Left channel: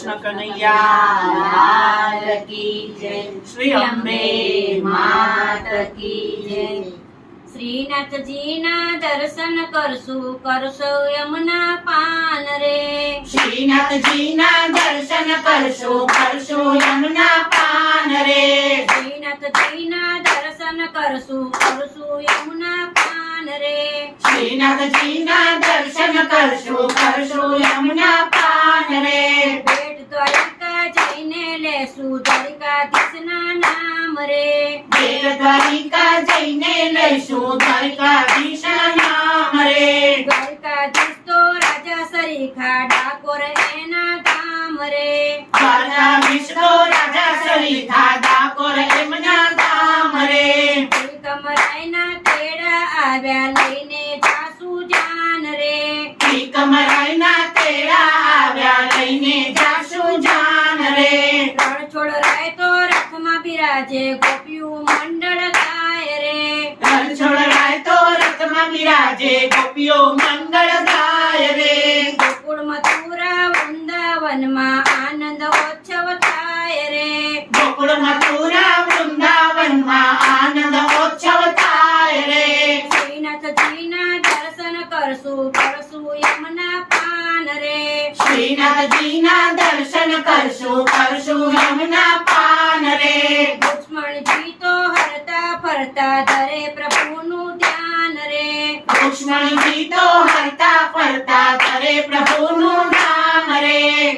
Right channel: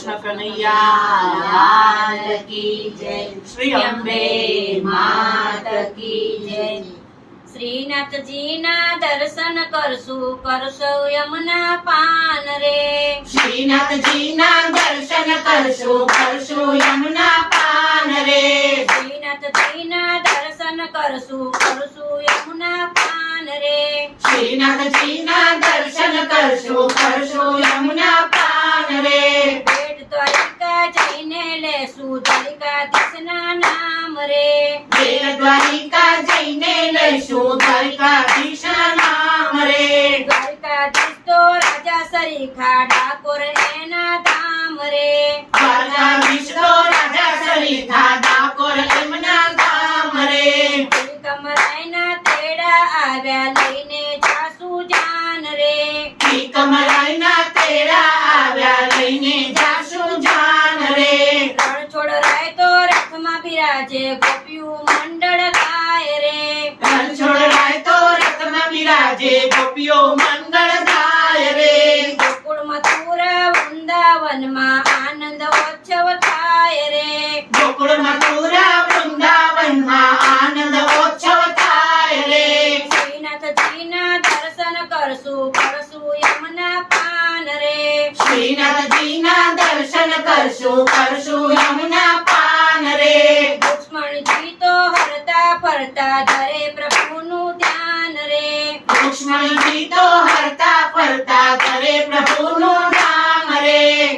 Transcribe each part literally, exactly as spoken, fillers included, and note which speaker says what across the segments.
Speaker 1: कृष्ण कन्हैया
Speaker 2: लाल की जय।
Speaker 1: श्री अंबे
Speaker 2: मात की जय। श्रीनाथजीના દર્શન કરશું કરશો યમુના પાન રે।
Speaker 1: श्रीनाथजीના दर्शन करशु करशु यमुना पान रे।
Speaker 2: શ્રીનાથજીના દર્શન કરશું કરશું યમુના પાન રે।
Speaker 1: श्रीनाथजीना दर्शन करशु करशु यमुना पान रे।
Speaker 2: બેટ દ્વારિકા જઈને લેશું દ્વારિકાધીશના નામ રે।
Speaker 1: બેટ દ્વારિકા જઈને લઈશું દ્વારિકાધીશના નામ રે।
Speaker 2: દ્વારિકાધીશ તો રાજા સરીખા ડાકોર એના ધામ રે।
Speaker 1: દ્વારકાધીશ તો રાજા સરીખા ડાકોર એમના ધામ રે।
Speaker 2: કમરાઈના તેડા આવ્યા લઈને જાસુ જાન રે।
Speaker 1: કમરાઈના તેડા આવ્યા લઈને જાસુ જાન રે।
Speaker 2: રણછોડ રાય તો રથમાં બિરાજે ગોપીયું મંડળ ગાય રે।
Speaker 1: રણછોડ રાય તો રથમાં બિરાજે ગોપીઓ મંગળ ગાય રે।
Speaker 2: ગોકુળ મથુરા વૃંદાવનમાં આનંદ ઉત્સવ થાય રે।
Speaker 1: ગોકુળ મથુરા વૃંદાવનમાં આનંદ ઉત્સવ થાય રે।
Speaker 2: શ્રીનાથજીના દર્શન કરશું કરશું યમુના પાન રે।
Speaker 1: શ્રીનાથજીના દર્શન કરશું કરશું યમુના પાન રે।
Speaker 2: લક્ષ્મણજી તો હરતા ફરતા ધરે પ્રભુનું ધ્યાન રે।
Speaker 1: લક્ષ્મણજી તો હરતા ફરતા કરે પ્રભુનું નામ રે।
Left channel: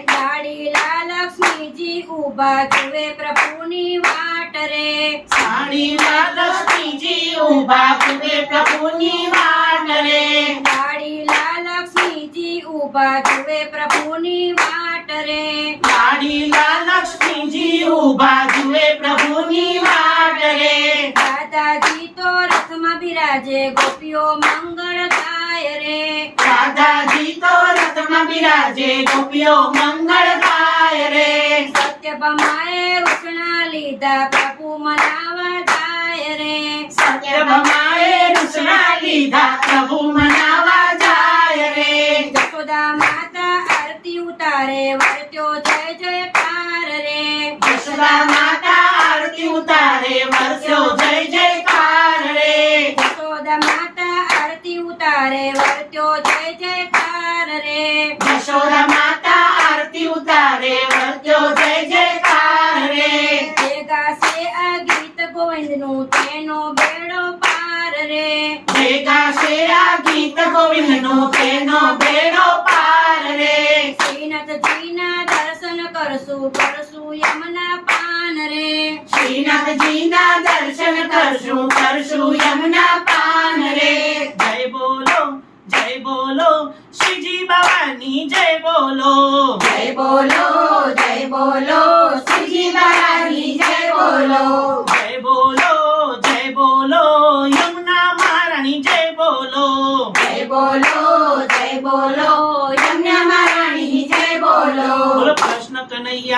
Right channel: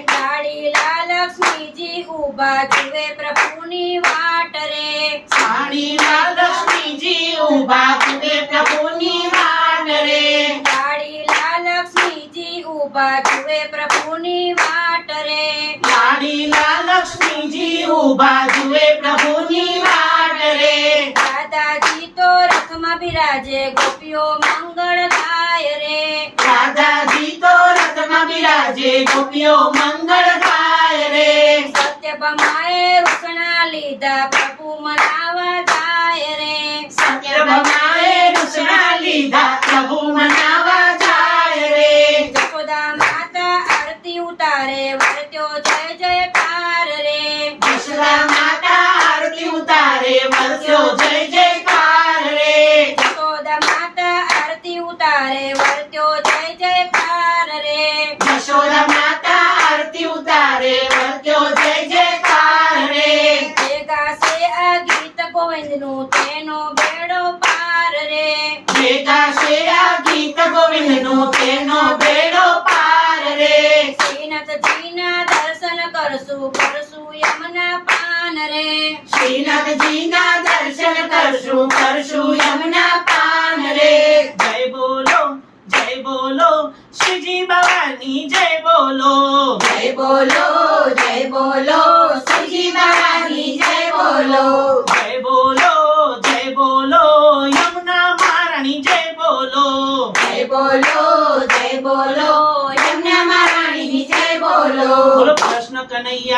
Speaker 2: લાડીલા લક્ષ્મીજી ઊભા જુએ પ્રભુની વાટ રે।
Speaker 1: સાડીલા લક્ષ્મીજી ઊભા જુએ પ્રભુની વાટ રે।
Speaker 2: લાડીલા લક્ષ્મીજી ઊભા જુએ પ્રભુની વાટ રે।
Speaker 1: લાડીલા લક્ષ્મીજી ઊભા જુએ પ્રભુની વાટ રે।
Speaker 2: દાદાજી તો રથમાં બિરાજે ગોપીઓ મંગળ ગાય રે।
Speaker 1: રાધાજી તો રથમાં બિરાજે ગોપીઓ મંગળ ગાય રે।
Speaker 2: સત્યભામાએ રૂષણા લીધા પ્રભુ મનાવા જાય રે।
Speaker 1: સત્યભામાએ રૂષણા લીધા પ્રભુ મનાવા જાય રે।
Speaker 2: જશોદા માતા આરતી ઉતારે વર્ત્યો જય જયકાર રે।
Speaker 1: યશોદા માતા આરતી ઉતારે વર્ષો જય જયકાર રે।
Speaker 2: જશોદા માતા આરતી ઉતારે વર્ત્યો જય જયકાર રે।
Speaker 1: યશોદા માતા આરતી ઉતારે વર્ત્યો જય જયકાર રે।
Speaker 2: જે ગાશે આ ગીત ગોવિંદનું તેનો બેડો પાર રે।
Speaker 1: ભેગા શેરા ગીત ગોવિંદનું તેનો બેડો પાર રે।
Speaker 2: શ્રીનાથજીના દર્શન કરશું કરશું યમુના પાન રે।
Speaker 1: શ્રીનાથજીના દર્શન કરશું કરશું યમુના પાન રે। જય બોલો જય બોલો શ્રીજી બાવાની જય બોલો।
Speaker 2: જય બોલો જય બોલો શ્રીજી બાલાની જય બોલો।
Speaker 1: જય બોલો જય બોલો યમુના મહારાણી જય બોલો।
Speaker 2: જય બોલો જય બોલો યમુના મહારાણીની જય બોલો।
Speaker 1: બોલો કૃષ્ણ કનૈયા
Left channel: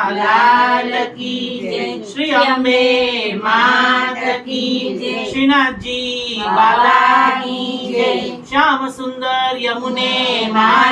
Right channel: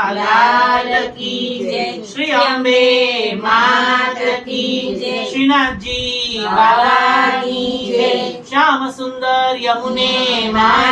Speaker 2: લાલ की जय।
Speaker 1: श्री अंबे मात की
Speaker 2: जय।
Speaker 1: श्रीनाथ जी बाबा की जय। श्याम सुंदर यमुने माँ